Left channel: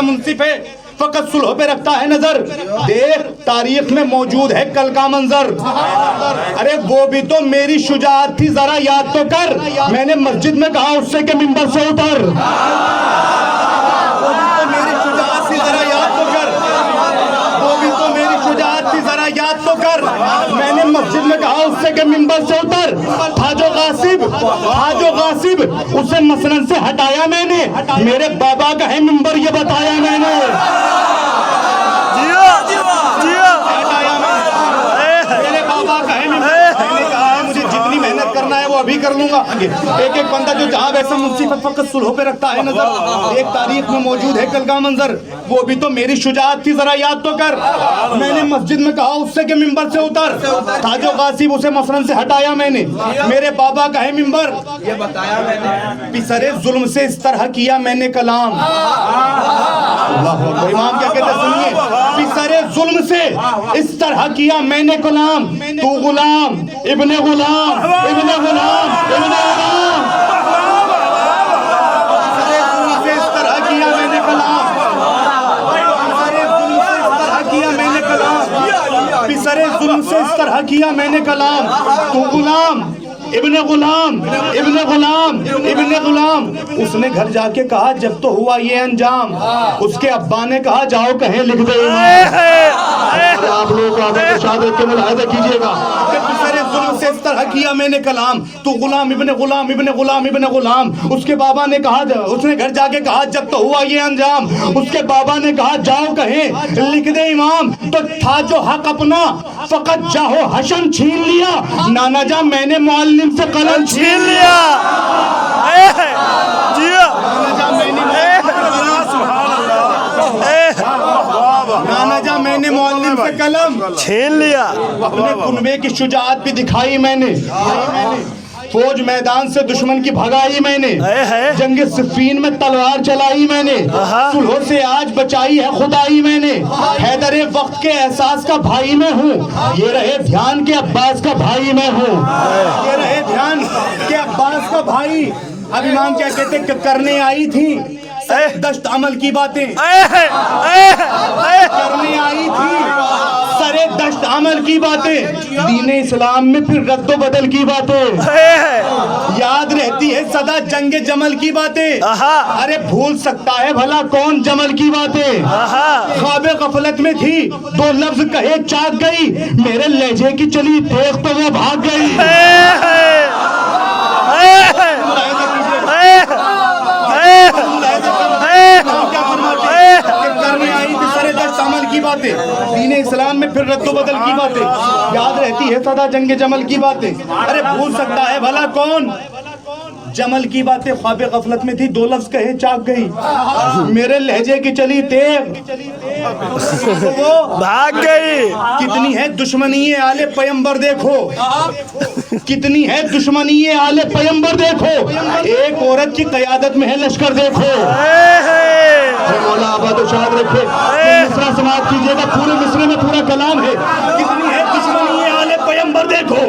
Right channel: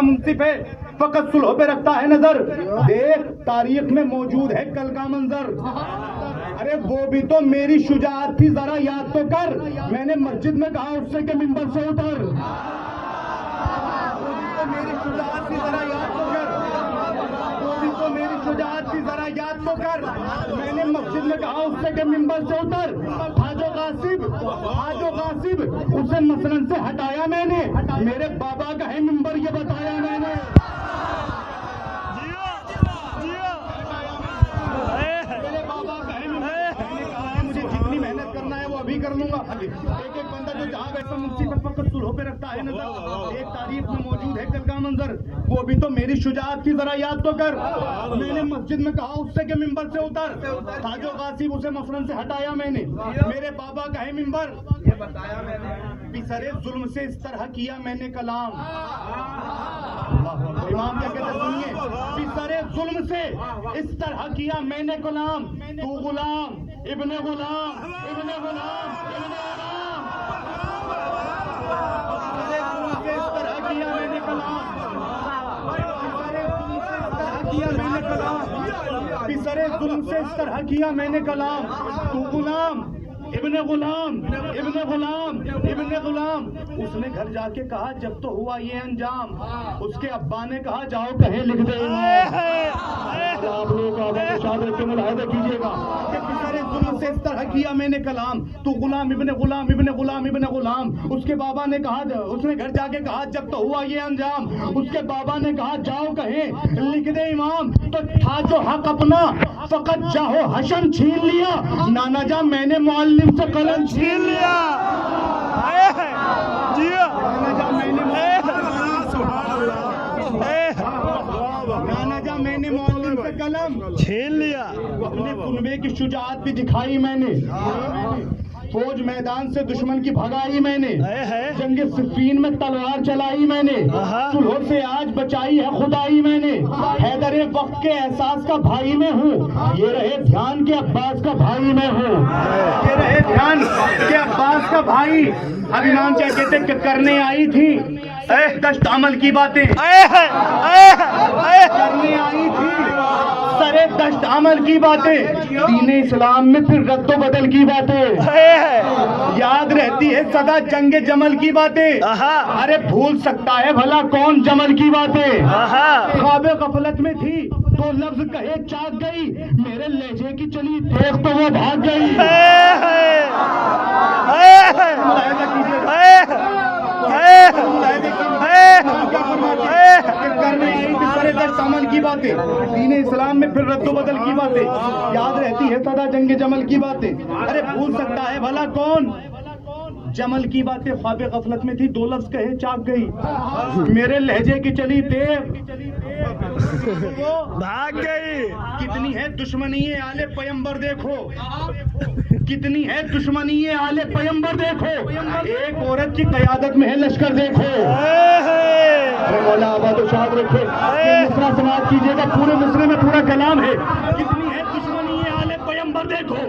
کیسا منصف ہے فقط صلح پہ رکھتا ہے نظر. دیکھ تاریخ میں موجود ہے کل کا منظر. ارے وہ بھی تو میری شجاعت تھی ذرا یاد تو کر. میں نے مسجد میں کہا اس سے کہ منبر سے اتر. وہ بھی تو میری شجاعت تھی ذرا یاد تو کر. وہ بھی تو میری شجاعت تھی ذرا یاد تو کر. میں نے مسجد میں کہا اس سے کہ منبر سے اتر. تھا جو غاصب اسے مسند سے ہٹایا میں نے. میرے بابا کا ہے منبر یہ بتایا میں نے. ابھی کر لوں گا. ایک ایک بندہ جو جہاں ویسا مصیبت فقط صلح پہ رکھتا ہے نظر. ایک تاریخ میں موجود ہے کل کا منظر. وہ بھی تو میری شجاعت تھی ذرا یاد تو کر. میں نے مسجد میں کہا اس سے کہ منبر سے اتر. تھا جو غاصب اسے مسند سے ہٹایا میں نے. میرے بابا کا ہے منبر یہ بتایا میں نے. پسرے ظلم سے اس طرح کیا میں نے کلام. اللہ اکبر. امام کیا کہتے سنیے. پسرے ظلم سے اس طرح کیا میں نے کلام. تو غلام ابن غلام ابن غلام ابن غلام. پسرے ظلم سے اس طرح کیا میں نے کلام. پسرے ظلم سے اس طرح کیا میں نے کلام. پسرے ظلم سے اس طرح کیا میں نے کلام. تو غلام ابن غلام ابن غلام ابن غلام. اس نے گھر جا کے کہا جب تو ہوا یہ انجام. اس کے ابا نے کہا جاؤ کہیں لکھ دے. آپ لوگ شہادت کے ملاحظہ کیجئے گا کہ پسرے ظلم سے اس طرح کیا میں نے کلام. تو غلام ابن غلام ابن غلام ابن غلام. اس کے بابا نے کہا اس نے گھر جا کے کہا جب تو ہوا یہ انجام. اس کے بابا نے کہا جاؤ کہیں لکھ دے امام. تو تھا جو حق اپنا فقط جاہو حشم چھین لیا. نانا جان میں نے معلم سے قلم چھین لیا. نانا جان میں نے معلم سے قلم چھین لیا. اپنے کنبے کی شجاعت بھی دکھائی میں نے. فوج میدان سے دشمن کی بھگائی میں نے. جنگ صفین میں تلوار چلائی میں نے. صلح سے آج بچائی ہے خدائی میں نے. حیدر وقت کے احساس کا بھائی میں ہوں. یہ رہے دھیان کے عباس کا بھائی میں ہوں. یہ رہے دھیان کے عباس کا بھائی. اب امام کیا کہتے کہ کرنے آئی تھی دشت عمل کی باتیں. کرنے آئی تھی سرے دشت عمل کی باتیں. دین اسلام میں پھر رد و بدل کی باتیں. یاد رہتی ہے صدا جنگ جمل کی باتیں. ارے بھول سکتا ہے بھلا کون جمل کی باتیں. خواب غفلت میں تھی دو لفظ کہے چاک گئی. میرے لہجے کی چلی دیکھ تو وہ بھاگ گئی. عمل کی باتیں. دین اسلام میں پھر رد و بدل کی باتیں. یاد رہتی ہے صدا جنگ جمل کی باتیں. ارے بھول سکتا ہے بھلا کون جمل کی باتیں. خواب غفلت میں تھی دو لفظ کہے چاک گئی. میرے لہجے کی چلی تیغ وہ بھاگ گئی. کتنی ہے دشمنی آل پیمبر دیکھو. کتنی ہے دشمنی آل پیمبر دیکھو. ایک عورت کی قیادت میں ہے لشکر دیکھو. مولا آباد و شاد رکھے. مصرع سماعت کیجئے گا. پورے مصرع میں پورا کلام ہے. کتنی ہے دشمنی آل پیمبر دیکھو.